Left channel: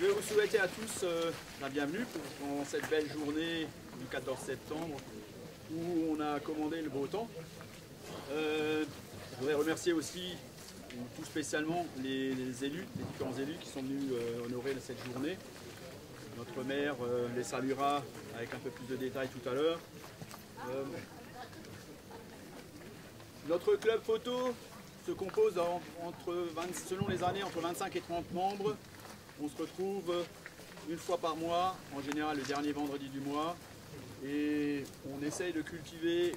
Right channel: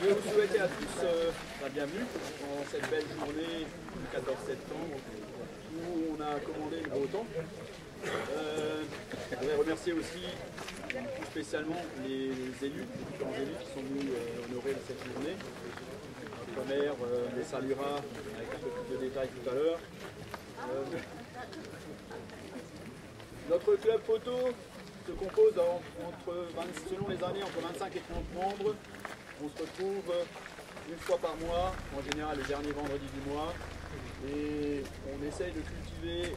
Je vais vous souhaiter à tous la bienvenue dans cette belle journée du 14 septembre où on a commandé le beau temps. Je voudrais remercier aussi tout spécialement les élus, les différents élus qui sont venus honorer cette journée. Notre maire les saluera avec un peu plus de détails tout à l'heure. Notre club photo se compose selon les années entre 25 et 30 membres. On se retrouve une fois par mois, en général le dernier vendredi du mois, et on essaye de cultiver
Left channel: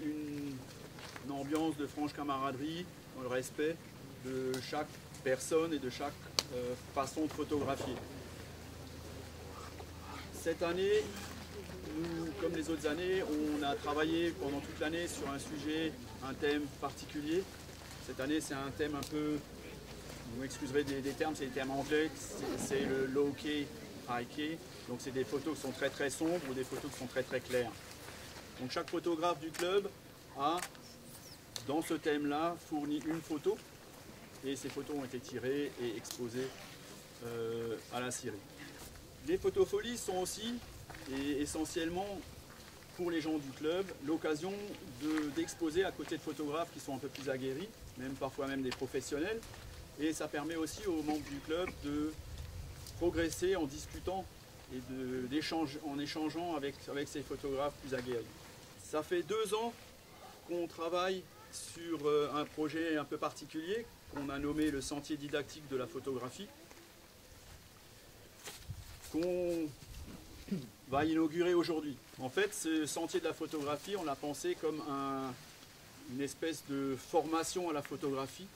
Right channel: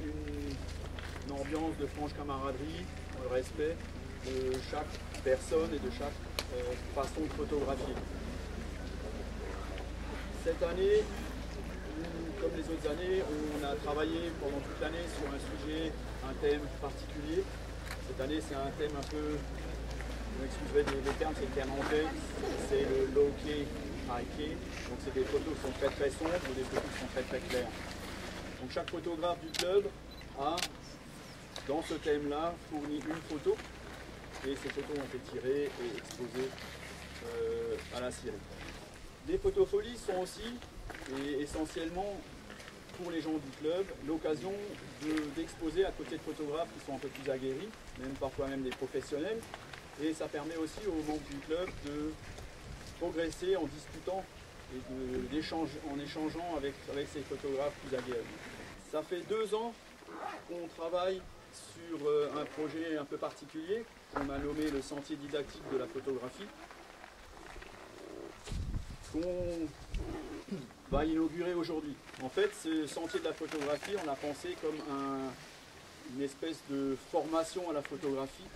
une ambiance de franche camaraderie, dans le respect de chaque personne et de chaque façon de photographier. Cette année, comme les autres années, on a travaillé pendant toute l'année sur un sujet, un thème particulier. Cette année, c'est un thème un peu, vous m'excuserez des termes, c'est le terme anglais, c'est le low key, high key. Donc c'est des photos qui sont très très sombres ou des photos qui sont très très claires. Donc chaque photographe du club a, dans ce thème-là, fourni une photo et ces photos ont été tirées et exposées à la Syrie. Les photofolies sont aussi, et essentiellement pour les gens du club, l'occasion d'exposer à côté de photographes qui sont un peu plus aguerris, même parfois même des professionnels, et ça permet aussi aux membres du club de progresser en discutant et en échangeant avec ces photographes plus aguerris. Ça fait 2 ans qu'on travaille sur un projet un peu particulier qu'on a nommé le sentier didactique de la photographie, qu'on va inaugurer aujourd'hui. En fait, ce sentier de la photographie, on l'a pensé comme une espèce de formation à la photographie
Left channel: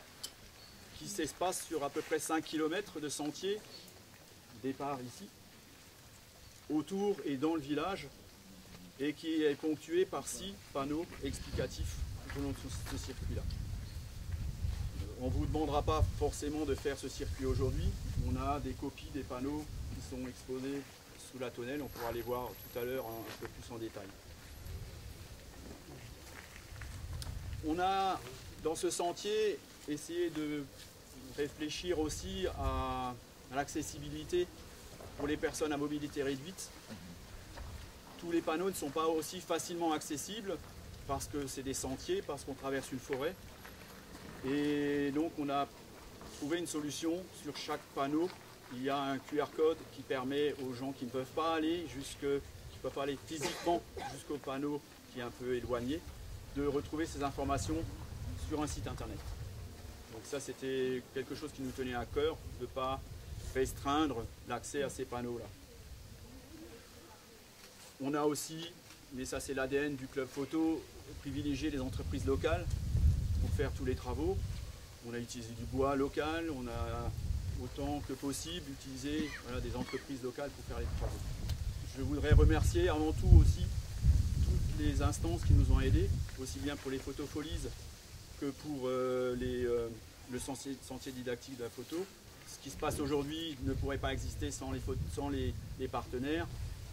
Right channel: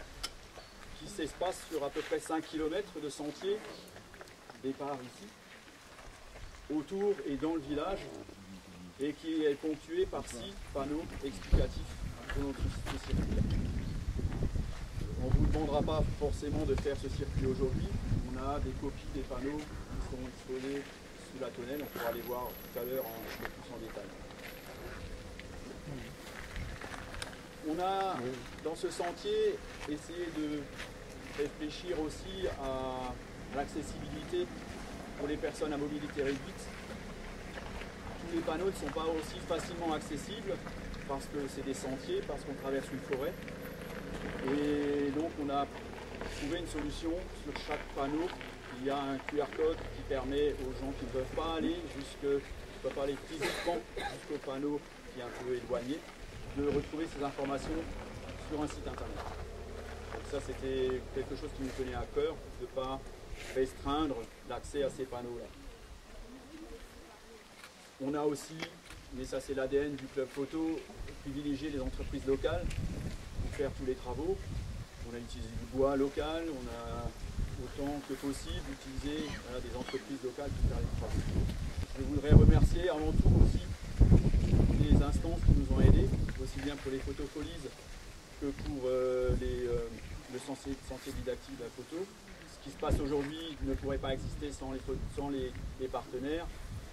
qui s'espace sur à peu près 5 km de sentier, départ ici, autour et dans le village, et qui est ponctué par 6 panneaux explicatifs de notre circuit. On ne vous demandera pas forcément de faire ce circuit aujourd'hui. On a des copies des panneaux qui sont exposés sous la tonnelle. On pourra les voir tout à l'heure un peu plus en détail. On a, dans ce sentier, essayé de réfléchir aussi à l'accessibilité pour les personnes à mobilité réduite. Tous les panneaux ne sont pas aussi facilement accessibles parce que c'est des sentiers, parce qu'on traverse une forêt. Et donc on a trouvé une solution. Sur chaque panneau, il y a un QR code qui permet aux gens qui ne peuvent pas aller physiquement jusqu'au panneau qui est un peu éloigné, de retrouver ces informations sur un site internet. Donc ça, c'était quelque chose qui nous tenait à cœur, de ne pas restreindre l'accès à ces panneaux-là. On a aussi, mais ça c'est l'ADN du club photo, privilégié les entreprises locales pour faire tous les travaux. On a utilisé du bois local, on a autant que possible utilisé des entreprises locales pour faire les travaux. Je voudrais remercier avant tout aussi toutes les instances qui nous ont aidés, aussi bien pour les photofolies que pour le sentier didactique de la photo. Ce qui se passe aujourd'hui ne pourrait pas exister sans les partenaires.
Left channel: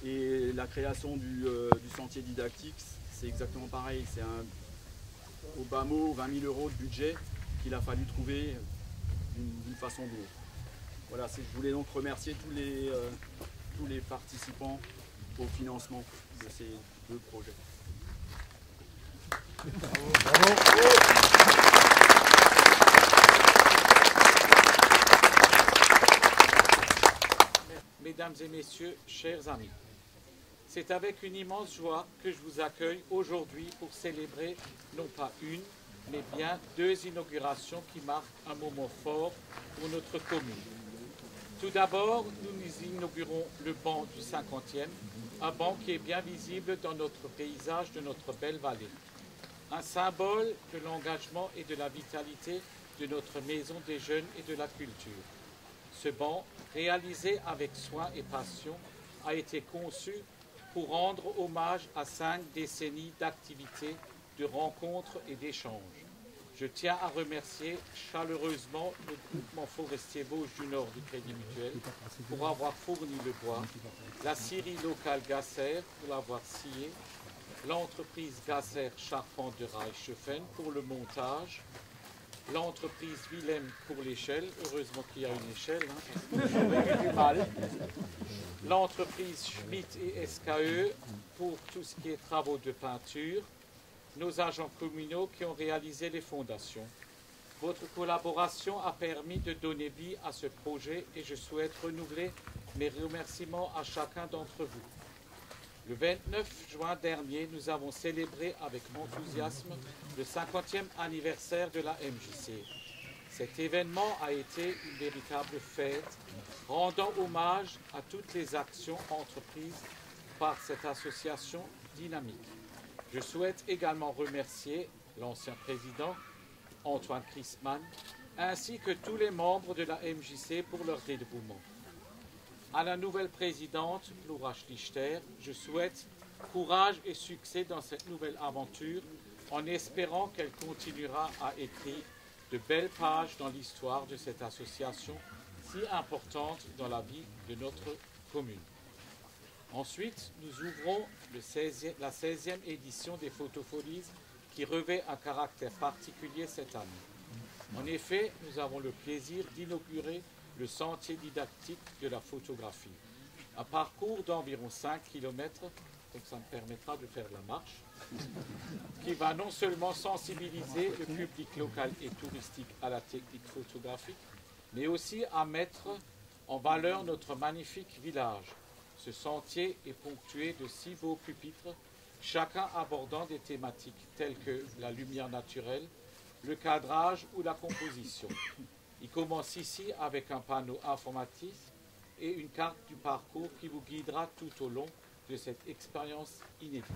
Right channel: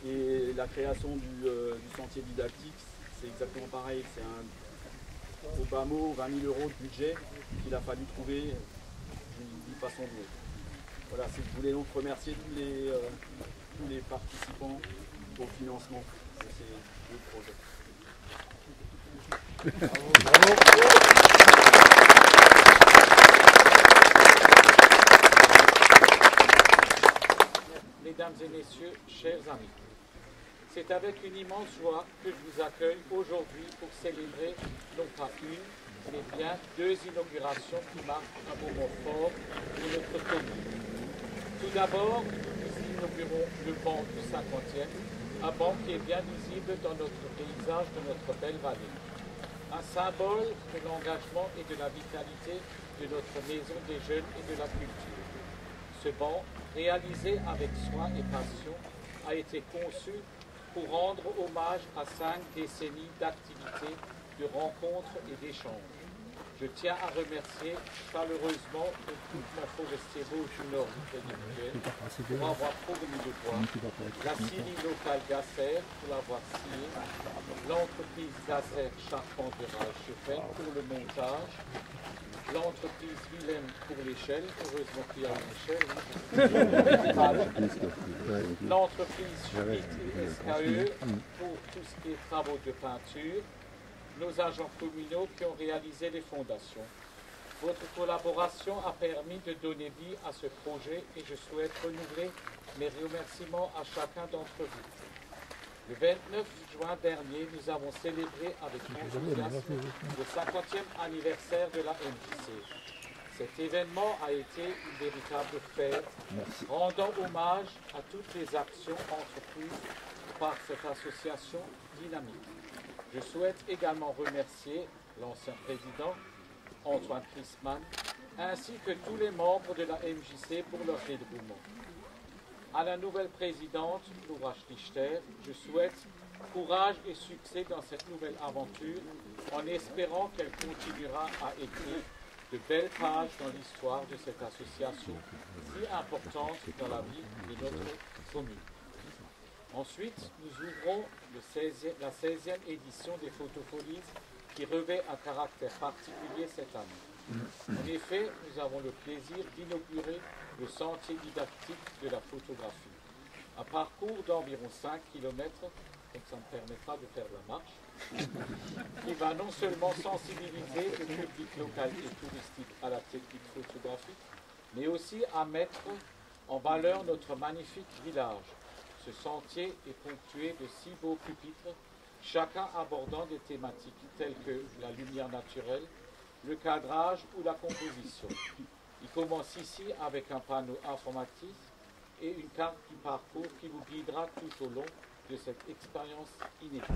Et la création du sentier didactique, c'est exactement pareil. C'est au bas mot 20 000 € de budget qu'il a fallu trouver d'une façon ou d'une autre. Voilà, je voulais donc remercier tous les participants au financement de ces 2 projets. Bravo. Mesdames et messieurs, chers amis, c'est avec une immense joie que je vous accueille aujourd'hui pour célébrer non pas une, mais bien 2 inaugurations qui marquent un moment fort de notre commune. Tout d'abord, nous inaugurons le banc du 50e, un banc qui est bien visible dans notre paysage de notre belle vallée. Un symbole de l'engagement et de la vitalité de notre maison des jeunes et de la culture. Ce banc, réalisé avec soin et passion, a été conçu pour rendre hommage à 5 décennies d'activités, de rencontres et d'échanges. Je tiens à remercier chaleureusement le groupement forestier Vosges du Nord du Crédit Mutuel pour avoir fourni le bois, la scierie locale Gasser pour l'avoir scié, l'entreprise Gasser Charpente de Reichshofen pour le montage, l'entreprise Willem pour l'échelle, heureusement qu'il y a une échelle, l'entreprise Schmitt et SKE pour tout ce qui est travaux de peinture, nos agents communaux qui ont réalisé les fondations. Votre collaboration a permis de donner vie à ce projet et je souhaite renouveler mes remerciements à chacun d'entre vous. Le 29 juin dernier, nous avons célébré avec enthousiasme le 50e anniversaire de la MJC. Cet événement a été une véritable fête, rendant hommage à toutes les actions entreprises par cette association dynamique. Je souhaite également remercier l'ancien président, Antoine Christmann, ainsi que tous les membres de la MJC pour leur dévouement. À la nouvelle présidente, Laura Schlichter, je souhaite courage et succès dans cette nouvelle aventure, en espérant qu'elle continuera à écrire de belles pages dans l'histoire de cette association si importante dans la vie de notre commune. Ensuite, nous ouvrons la 16e édition des Photofolies qui revêt un caractère particulier cette année. En effet, nous avons le plaisir d'inaugurer le sentier didactique de la photographie. Un parcours d'environ 5 km, donc ça me permettra de faire la marche, qui va non seulement sensibiliser le public local et touristique à la technique photographique, mais aussi à mettre en valeur notre magnifique village. Ce sentier est ponctué de 6 beaux pupitres, chacun abordant des thématiques telles que la lumière naturelle, le cadrage ou la composition. Il commence ici avec un panneau informatif et une carte du parcours qui vous guidera tout au long de cette expérience inédite.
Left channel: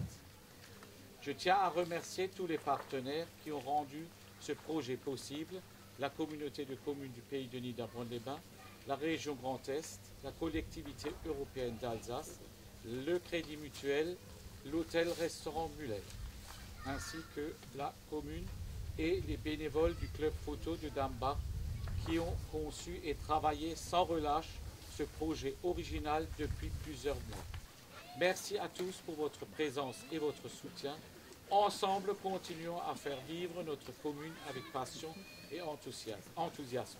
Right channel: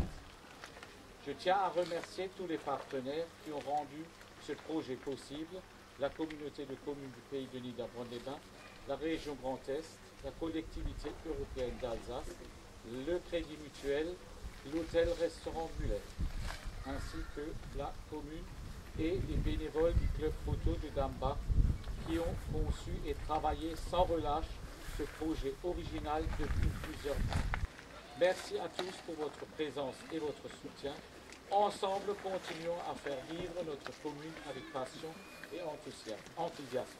Je tiens à remercier tous les partenaires qui ont rendu ce projet possible, la communauté de communes du Pays de Nid à Braine-les-Bains, la région Grand Est, la collectivité européenne d'Alsace, le Crédit Mutuel, l'hôtel-restaurant Muller, ainsi que la commune et les bénévoles du club photo de Dambach qui ont conçu et travaillé sans relâche ce projet original depuis plusieurs mois. Merci à tous pour votre présence et votre soutien. Ensemble, continuons à faire vivre notre commune avec passion et enthousiasme.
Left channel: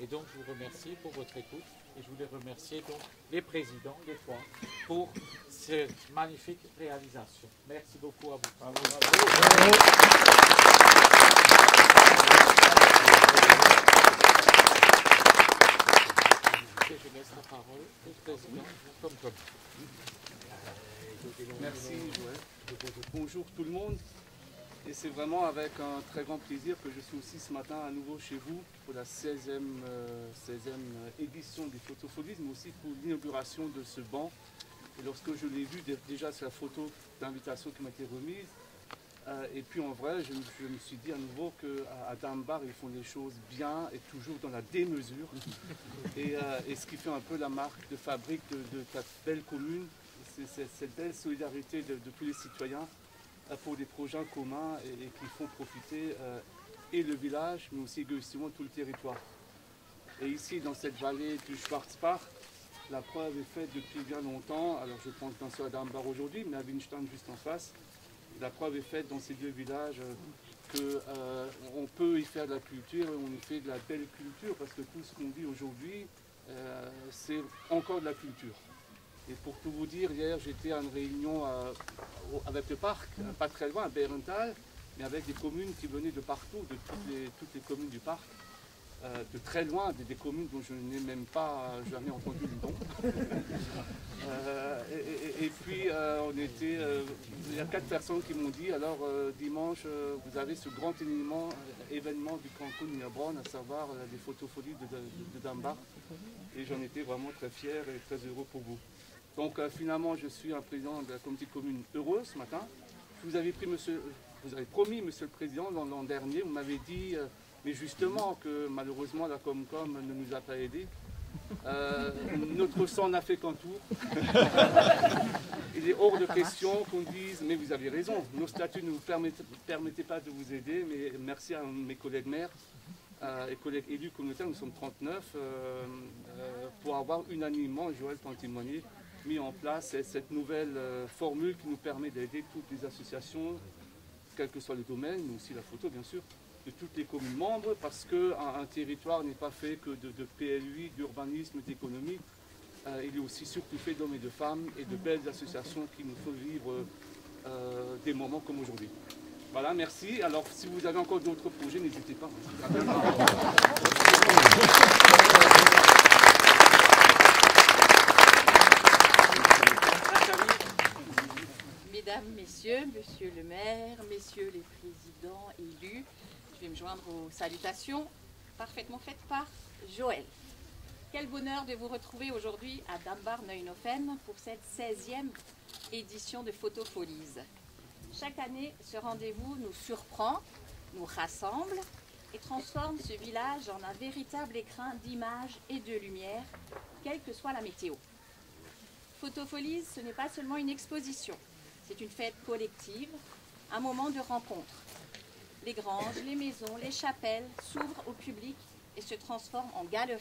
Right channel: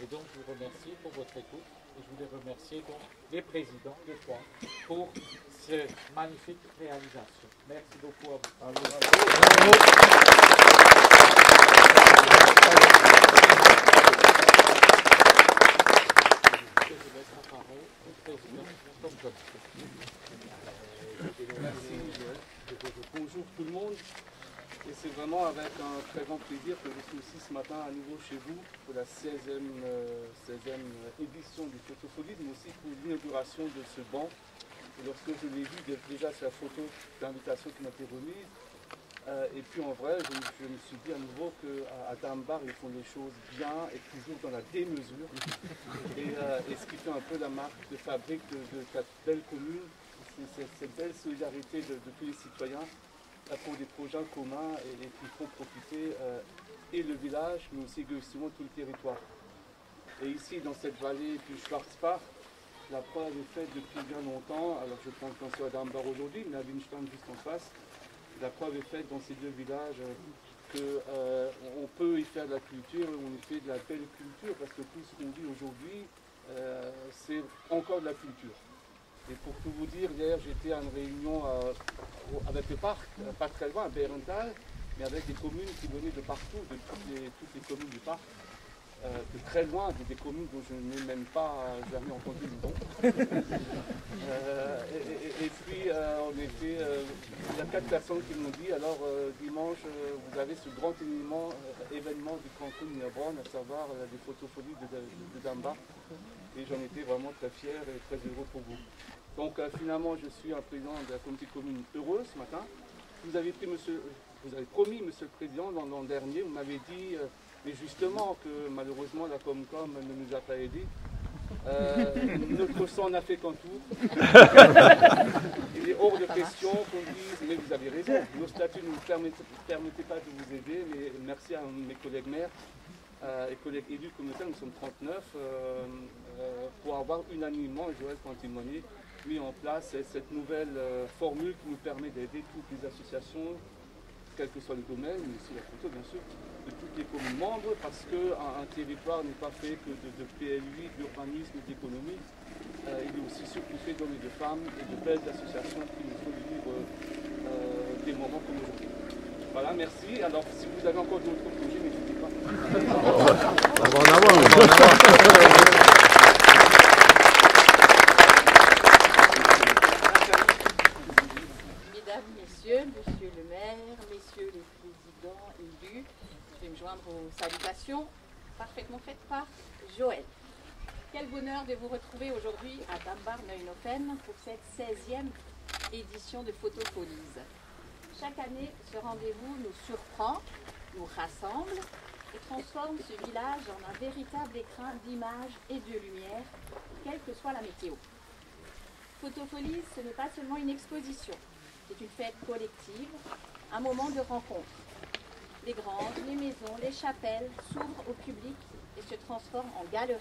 Et donc, je vous remercie pour votre écoute et je voulais remercier donc les présidents, les trois, pour cette magnifique réalisation. Merci beaucoup à vous. Je laisse la parole au président Tom. Merci Joël. Bonjour tout le monde. Et c'est vraiment avec un très grand plaisir que je suis aussi ce matin à nouveau chez vous pour la 16e édition du Photofolies, mais aussi pour l'inauguration de ce banc. Et lorsque je l'ai vu déjà sur la photo d'invitation qui m'a été remise, et puis en vrai, je me suis dit à nouveau qu'à Dambach, ils font les choses bien et toujours dans la démesure. Et ce qui fait un peu la marque de fabrique de cette belle commune, c'est cette belle solidarité de tous les citoyens pour des projets communs et qui font profiter et le village, mais aussi égoïstement tout le territoire. Et ici, dans cette vallée du Schwarzbach, la preuve est faite depuis bien longtemps. Alors je pense qu'on soit à Dambach aujourd'hui, mais à Winstein juste en face. La preuve est faite dans ces deux villages qu'on peut y faire de la culture et on y fait de la belle culture parce que tout ce qu'on dit aujourd'hui, c'est encore de la culture. Et pour tout vous dire, hier j'étais à une réunion avec le parc, pas très loin, à Bérenthal, mais avec des communes qui venaient de partout, de toutes les communes du parc, de très loin, des communes dont je n'ai même pas jamais entendu le nom. Et puis on était, il y a 4 personnes qui m'ont dit, alors dimanche vous avez ce grand événement du Cancun Nîmes, à savoir des photofolies de Dambach, et j'en étais vraiment très fier et très heureux pour vous. Donc finalement, je suis un président de la communauté commune heureux ce matin. Vous avez promis, monsieur le président, l'an dernier, vous m'avez dit, mais justement que malheureusement la Comcom ne nous a pas aidés. Notre sang n'a fait qu'un tour. Il est hors de question qu'on dise, mais vous avez raison, nos statuts ne nous permettaient pas de vous aider, mais merci à mes collègues maires et collègues élus communautaires, nous sommes 39, pour avoir unanimement, Joël peut en témoigner, mis en place cette nouvelle formule qui nous permet d'aider toutes les associations, quel que soit le domaine, mais aussi la photo bien sûr, toutes les communes membres, parce qu'un territoire n'est pas fait que de PLUI, d'urbanisme, d'économie. Il est aussi s'occuper d'hommes et de femmes et de belles associations qui nous font vivre des moments comme aujourd'hui. Voilà, merci. Alors, si vous avez encore d'autres projets, n'hésitez pas. Mesdames, Messieurs, Monsieur le maire, Messieurs les présidents élus, je vais me joindre aux salutations parfaitement faites par Joël. Quel bonheur de vous retrouver aujourd'hui à Dambar-Neuenhofen pour cette 16e édition de Photofolies. Chaque année, ce rendez-vous nous surprend, nous rassemble et transforme ce village en un véritable écrin d'images et de lumière, quelle que soit la météo. Photofolies, ce n'est pas seulement une exposition, c'est une fête collective, un moment de rencontre. Les granges, les maisons, les chapelles s'ouvrent au public et se transforment en galeries.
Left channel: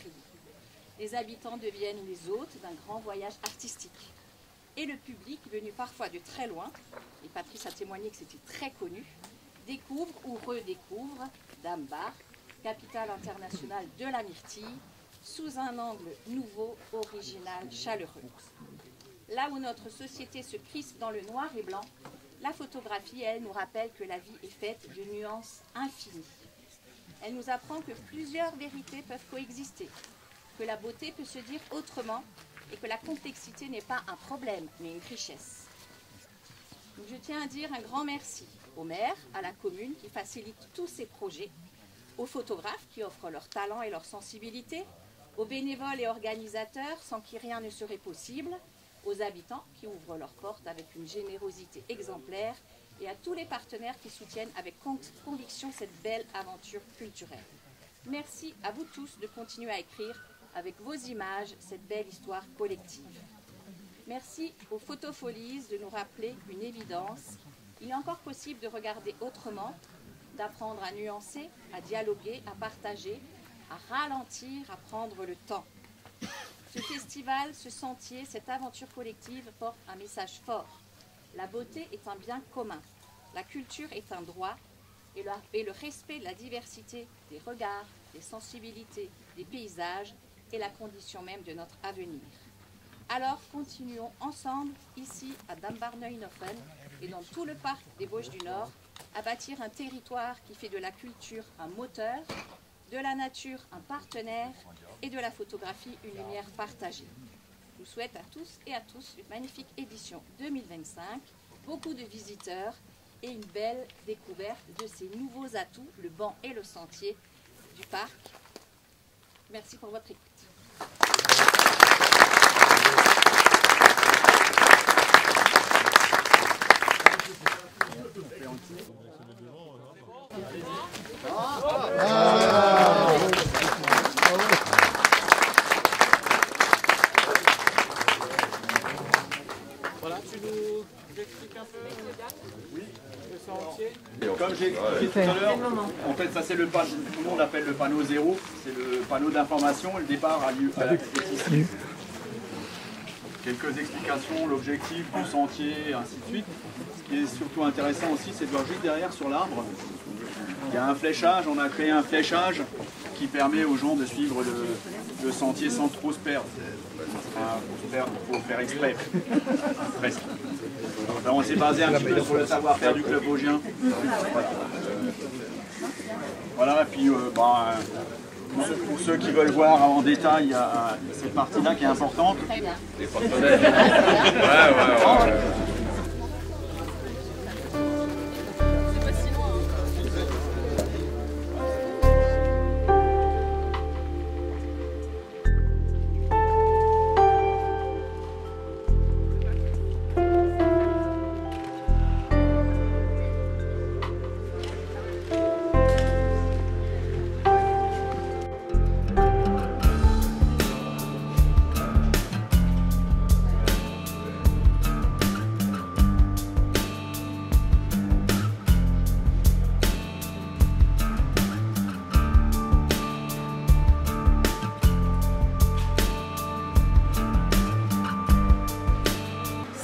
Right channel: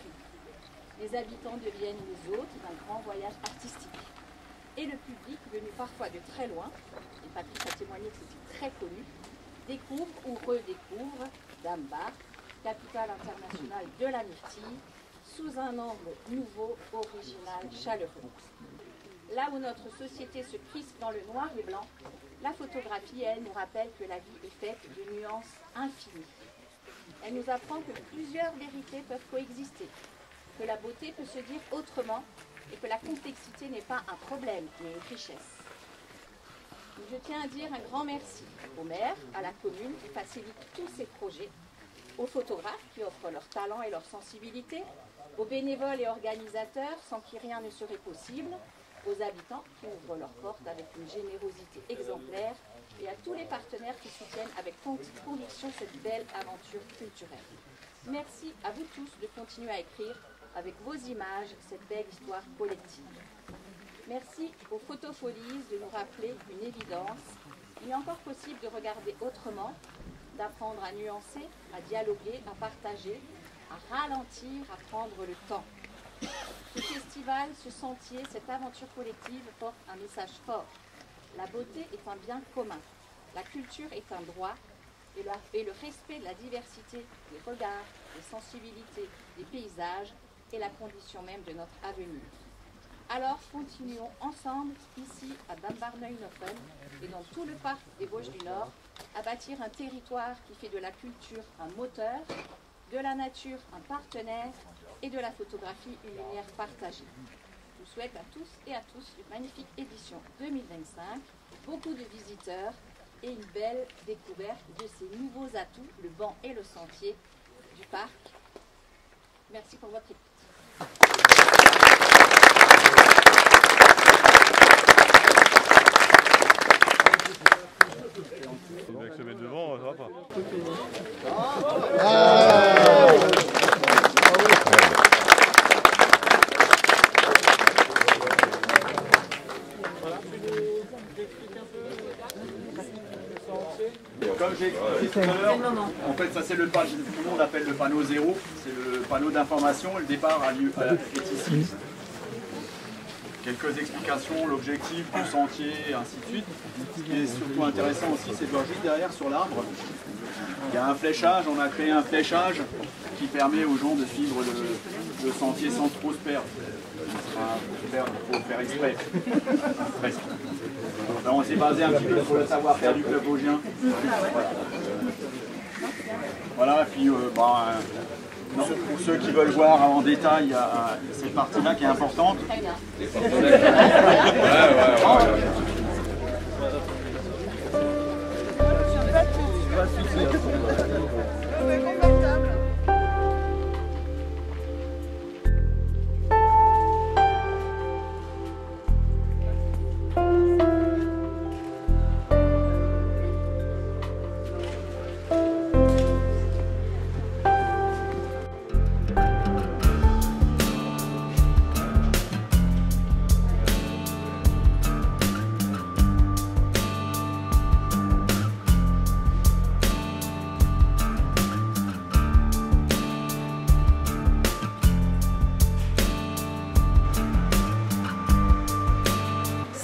Les habitants deviennent les hôtes d'un grand voyage artistique. Et le public, venu parfois de très loin, et Patrice a témoigné que c'était très connu, découvre ou redécouvre Dambar, capitale internationale de la myrtille, sous un angle nouveau, original, chaleureux. Là où notre société se crispe dans le noir et blanc, la photographie, elle, nous rappelle que la vie est faite de nuances infinies. Elle nous apprend que plusieurs vérités peuvent coexister, que la beauté peut se dire autrement et que la complexité n'est pas un problème, mais une richesse. Je tiens à dire un grand merci au maire, à la commune qui facilite tous ces projets, aux photographes qui offrent leur talent et leur sensibilité, aux bénévoles et organisateurs sans qui rien ne serait possible, aux habitants qui ouvrent leurs portes avec une générosité exemplaire et à tous les partenaires qui soutiennent avec conviction cette belle aventure culturelle. Merci à vous tous de continuer à écrire avec vos images cette belle histoire collective. Merci aux Photofolies de nous rappeler une évidence. Il est encore possible de regarder autrement, d'apprendre à nuancer, à dialoguer, à partager, à ralentir, à prendre le temps. Ce festival, ce sentier, cette aventure collective porte un message fort. La beauté est un bien commun. La culture est un droit. Et le respect de la diversité des regards, des sensibilités, des paysages est la condition même de notre avenir. Alors continuons ensemble, ici à Dambar-Neuenhofen et dans tout le parc des Vosges du Nord, à bâtir un territoire qui fait de la culture un moteur, de la nature un partenaire et de la photographie une lumière partagée. Je vous souhaite à tous et à tous une magnifique édition 2025, beaucoup de visiteurs et une belle découverte de ces nouveaux atouts, le banc et le sentier du parc. Merci pour votre écoute. Comme j'ai expliqué tout à l'heure, en fait, ça c'est le panneau, tout le monde appelle le panneau 0, c'est le panneau d'information, le départ est ici. Quelques explications, l'objectif du sentier, et ainsi de suite. Ce qui est surtout intéressant aussi, c'est de voir juste derrière sur l'arbre, il y a un fléchage, on a créé un fléchage qui permet aux gens de suivre le sentier sans trop se perdre. Il faut faire exprès, presque. Alors on s'est basé un petit peu sur le savoir-faire du club vosgien. Voilà, et puis pour ceux qui veulent voir en détail, il y a cette partie-là qui est importante. Très bien.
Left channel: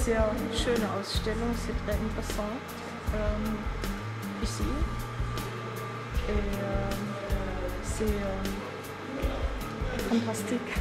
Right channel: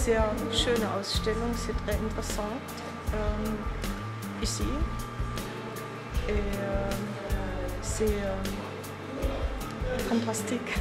Sehr schöne Ausstellung, c'est très interessant ici. et c'est fantastique.